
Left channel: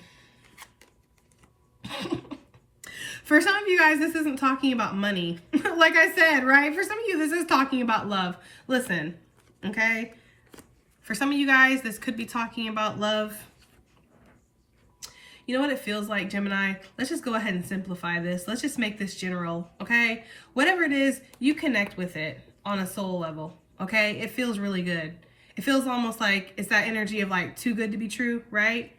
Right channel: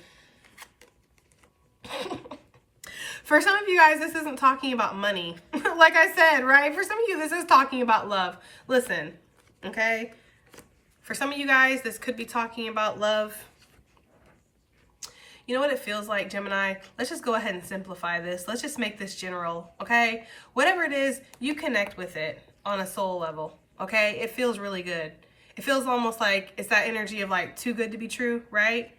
For some of you guys, this isn't talking about money. Like I said, right? For some of you, this is talking about love. Listen, okay? For some of you guys, this could be talking about love. You know what it feels like, Gemini? Let's just go ahead and simplify this. Let's just make this general, okay? Whatever it is, you connect with it on a soul level, okay? It feels really good. It feels almost like it's that energy of like too good to be true, right?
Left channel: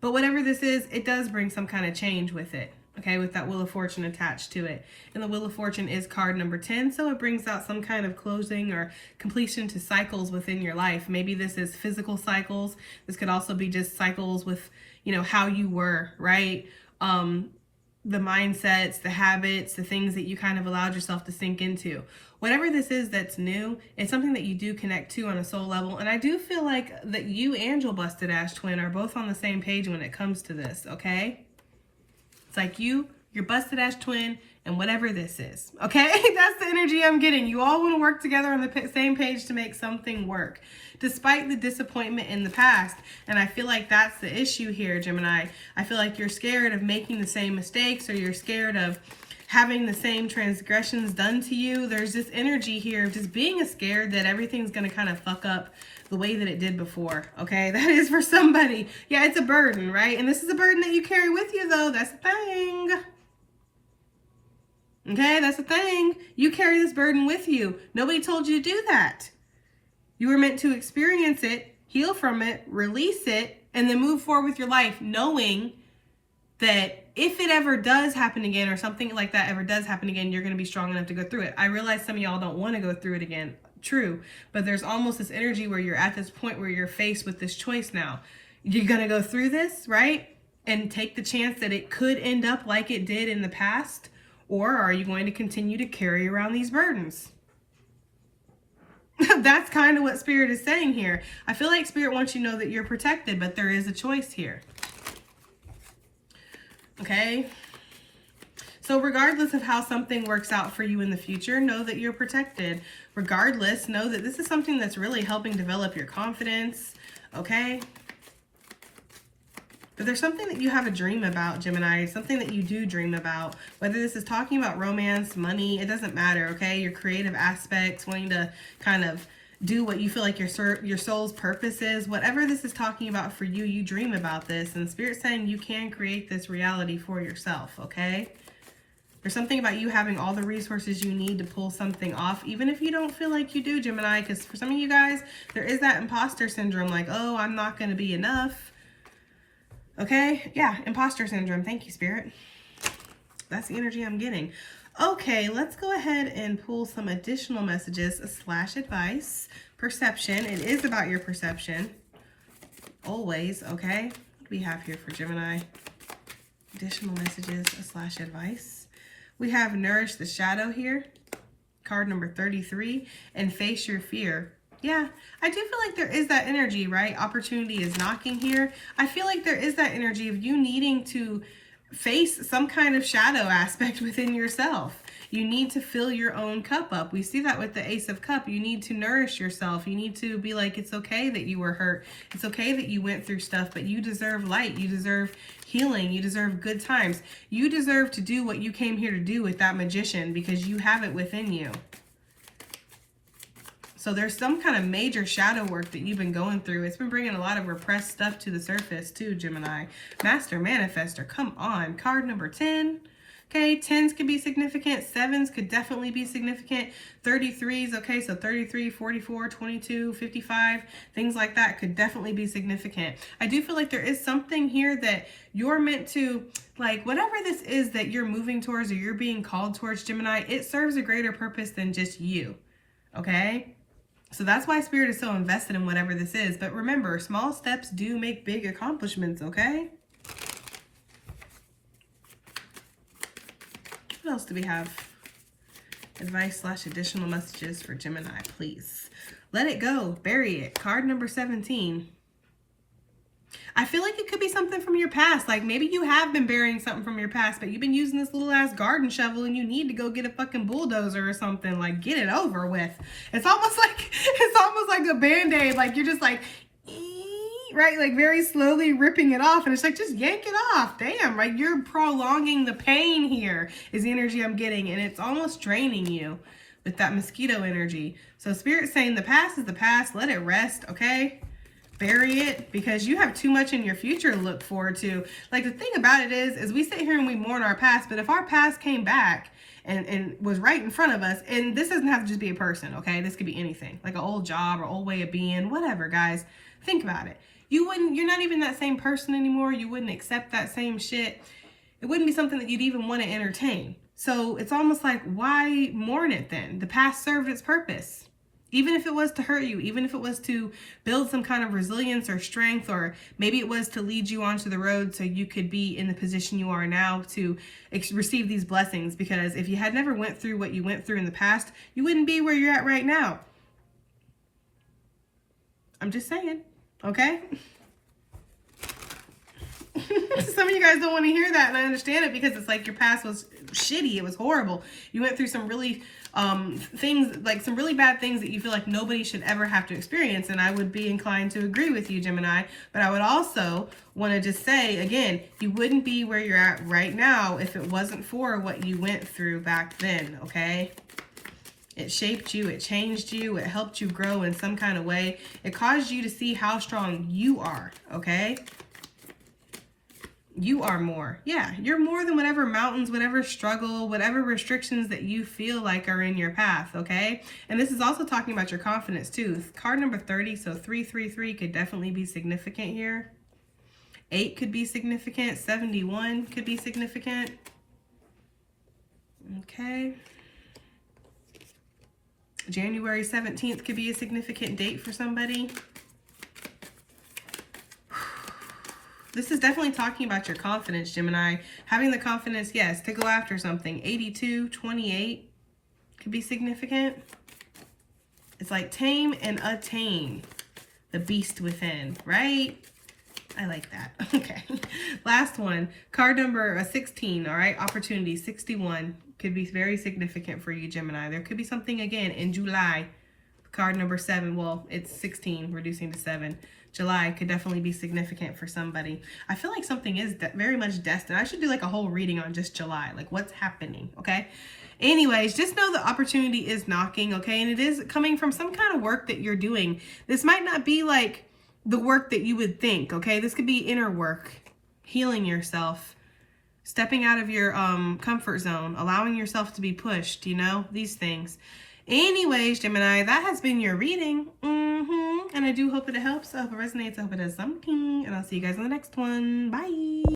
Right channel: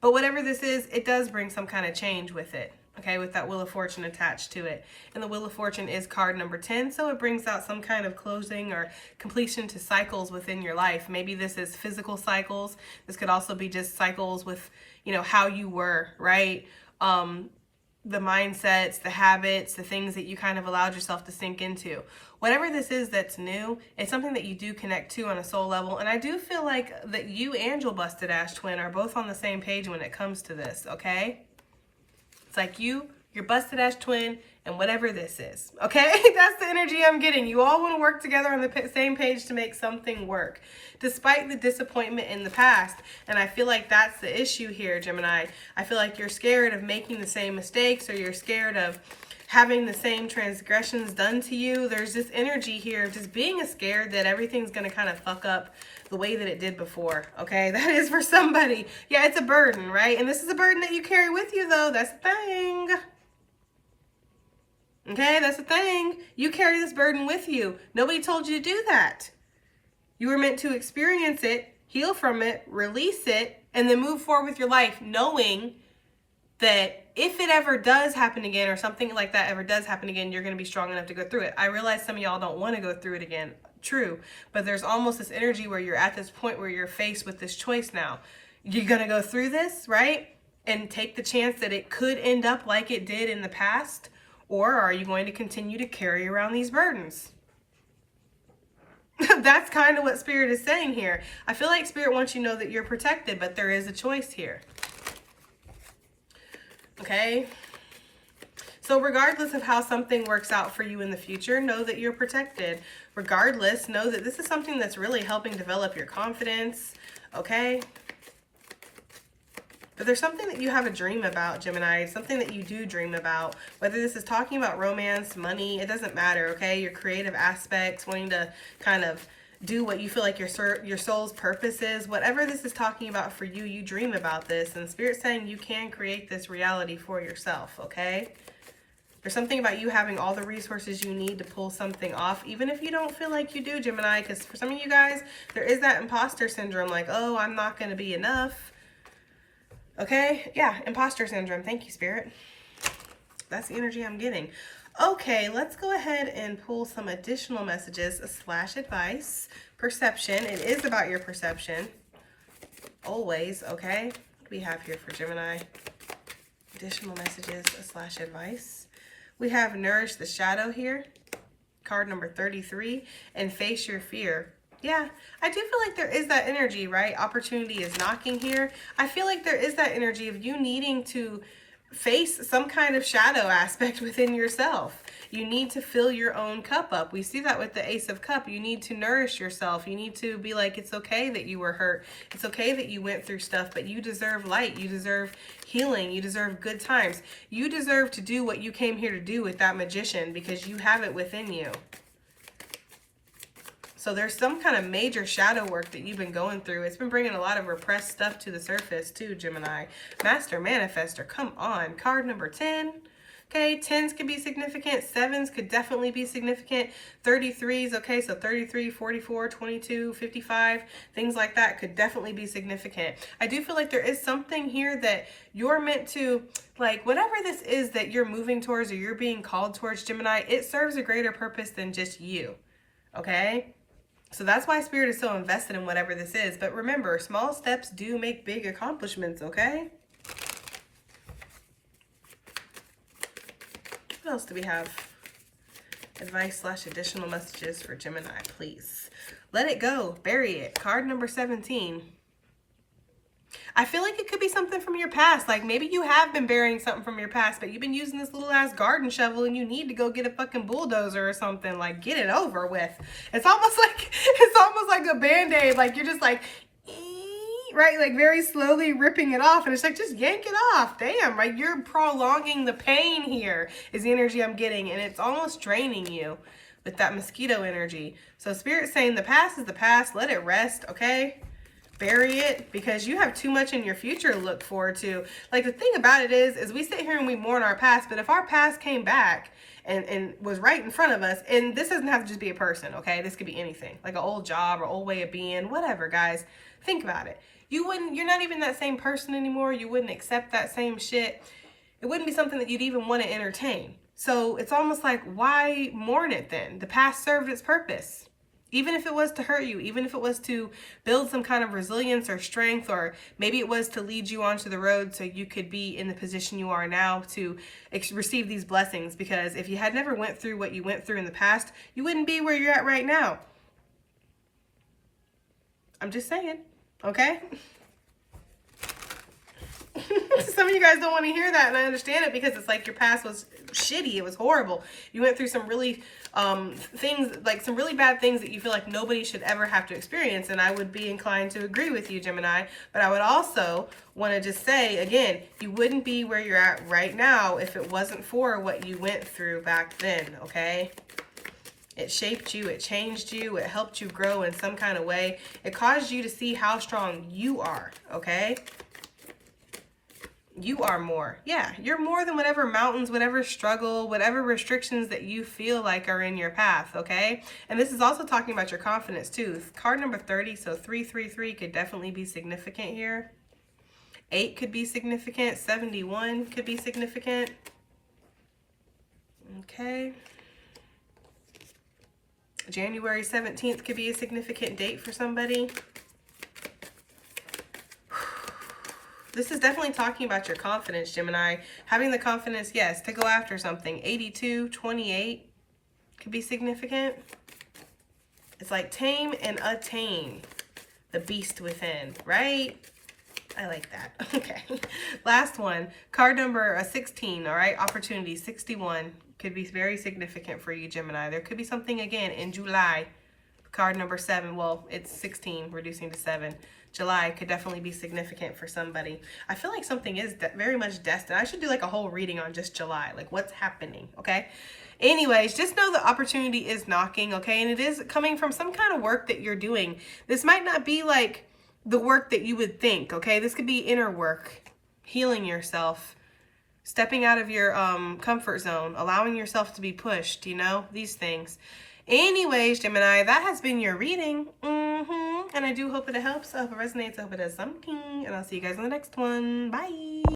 But whatever this is, it does bring some kind of change with it, okay, with that Wheel of Fortune attached to it. And the Wheel of Fortune is card number 10, so it brings out some kind of closing or completion to cycles within your life. Maybe this is physical cycles. This could also be just cycles with, you know, how you were, right? The mindsets, the habits, the things that you kind of allowed yourself to sink into. Whatever this is that's new, it's something that you do connect to on a soul level. And I do feel like that you and your busted ass twin are both on the same page when it comes to this, okay? It's like you, your busted ass twin, and whatever this is, okay? That's the energy I'm getting. You all want to work together on the same page to make something work, despite the disappointment in the past. And I feel like that's the issue here, Gemini. I feel like you're scared of making the same mistakes, or you're scared of having the same transgressions done to you. There's this energy here of just being scared that everything's going to kind of fuck up the way that it did before, okay? That is for somebody. Yeah, it's a burden, right? And this is a burden that you carry with you, though. That's the thing. Okay, that's the thing. You carry this burden with you. Nobody told you to do that. You were meant to experience it, heal from it, release it, and then move forward with your life, knowing that if it ever does happen again, or something like that ever does happen again, you're going to be strong enough to go through it. I realize some of y'all don't want to go through it again. True. But there's almost this energy where you're at this point where you're faced with this choice now. You're going to go through this, right? And take the chance that it could end up like it did in the past? Or are you going to continue to carry around these burdens? That's kind of what Spirit is saying here. I feel like Spirit wants you to know that you're protected, but there is a choice here. Okay? So regardless of how something works out for you in the future, know that you're protected. Regardless, know that this is something that's really helping develop your confidence. Okay? But there's something that you have a dream about, Gemini, something that you do dream about. Whether this is talking about romance, money, it doesn't matter, okay? Your creative aspects, wanting to kind of do what you feel like your soul's purpose is. Whatever this is talking about for you, you dream about this. And Spirit's saying you can create this reality for yourself, okay? There's something about you having all the resources you need to pull something off, even if you don't feel like you do, Gemini. Because for some of you guys, there is that imposter syndrome, like, oh, I'm not going to be enough. Okay, yeah, imposter syndrome. Thank you, Spirit. That's the energy I'm getting. Okay, let's go ahead and pull some additional messages / advice. Perception. It is about your perception. Always, okay? What do we have here for Gemini? Additional messages / advice. We have Nourish the Shadow here. Card number 33. And Face Your Fear. Yeah, I do feel like there is that energy, right? Opportunity is knocking here. I feel like there is that energy of you needing to face some kind of shadow aspect within yourself. You need to fill your own cup up. We see that with the Ace of Cups. You need to nourish yourself. You need to be like, it's okay that you were hurt. It's okay that you went through stuff, but you deserve light. You deserve healing. You deserve good times. You deserve to do what you came here to do with that Magician, because you have it within you. So there's some kind of major shadow work that you've been going through. It's been bringing a lot of repressed stuff to the surface too, Gemini. Master Manifester, come on. Card number 10. Okay, 10s could be significant. 7s could definitely be significant. 33s, okay, so 33, 44, 22, 55, things like that could definitely be significant. I do feel like there is something here that you're meant to, like, whatever this is that you're moving towards or you're being called towards, Gemini, it serves a greater purpose than just you, okay? So that's why Spirit is so invested in whatever this is. But remember, small steps do make big accomplishments, okay? What else do we have? Advice / additional messages for Gemini, please. Let it go. Bury it. Card number 17. I feel like it could be something from your past. Like maybe you have been burying something from your past, but you've been using this little ass garden shovel and you need to go get a fucking bulldozer or something. Like get it over with. It's almost like a Band-Aid. Like you're just like, right? Like very slowly ripping it off. And it's like, just yank it off. Damn, right? You're prolonging the pain here is the energy I'm getting. And it's almost draining you with that mosquito energy. So Spirit's saying the past is the past. Let it rest, okay? bury it, because you have too much in your future to look forward to. Like, the thing about it is we sit here and we mourn our past, but if our past came back and was right in front of us, and this doesn't have to just be a person, okay? This could be anything, like an old job or old way of being, whatever, guys. Think about it. You're not even that same person anymore. You wouldn't accept that same shit. It wouldn't be something that you'd even want to entertain. So it's almost like, why mourn it then? The past served its purpose. Even if it was to hurt you, even if it was to build some kind of resilience or strength, or maybe it was to lead you onto the road so you could be in the position you are now to receive these blessings. Because if you had never went through what you went through in the past, you wouldn't be where you're at right now. I'm just saying, okay? Some of you guys don't want to hear that, and I understand it, because it's like your past was shitty. It was horrible. You went through some really things, like some really bad things that you feel like nobody should ever have to experience, and I would be inclined to agree with you, Gemini. But I would also want to just say, again, you wouldn't be where you're at right now if it wasn't for what you went through back then, okay? It shaped you, it changed you, it helped you grow in some kind of way. It caused you to see how strong you are, okay? You are more. Yeah, you're more than whatever mountains, whatever struggle, whatever restrictions that you feel like are in your path, okay? And this is also talking about your confidence too. Card number 30, so 333 could definitely be significant here. 8 could be significant. 71 could be significant. Okay. January 17th could be a significant date for somebody. This is definitely talking about your confidence, Gemini. Having the confidence, yes, to go after something. 82, 28 could be significant. It's like tame and attain the beast within, right? I like that. Okay. Last one. Card number 16, all right? Opportunity 61 could be very significant for you, Gemini. There could be something, again, in July. Card number 7. Well, it's 16, reducing to 7. July could definitely be significant for somebody. I feel like something is very much destined. I should do like a whole reading on just July, like what's happening, okay? Anyways, just know the opportunity is knocking, okay? And it is coming from some kind of work that you're doing. This might not be like the work that you would think, okay? This could be inner work, healing yourself, stepping out of your comfort zone, allowing yourself to be pushed, you know, these things. Anyways, Gemini, that has been your reading. And I do hope it helps. I hope it resonates. I hope it does something. And I'll see you guys in the next one. Bye.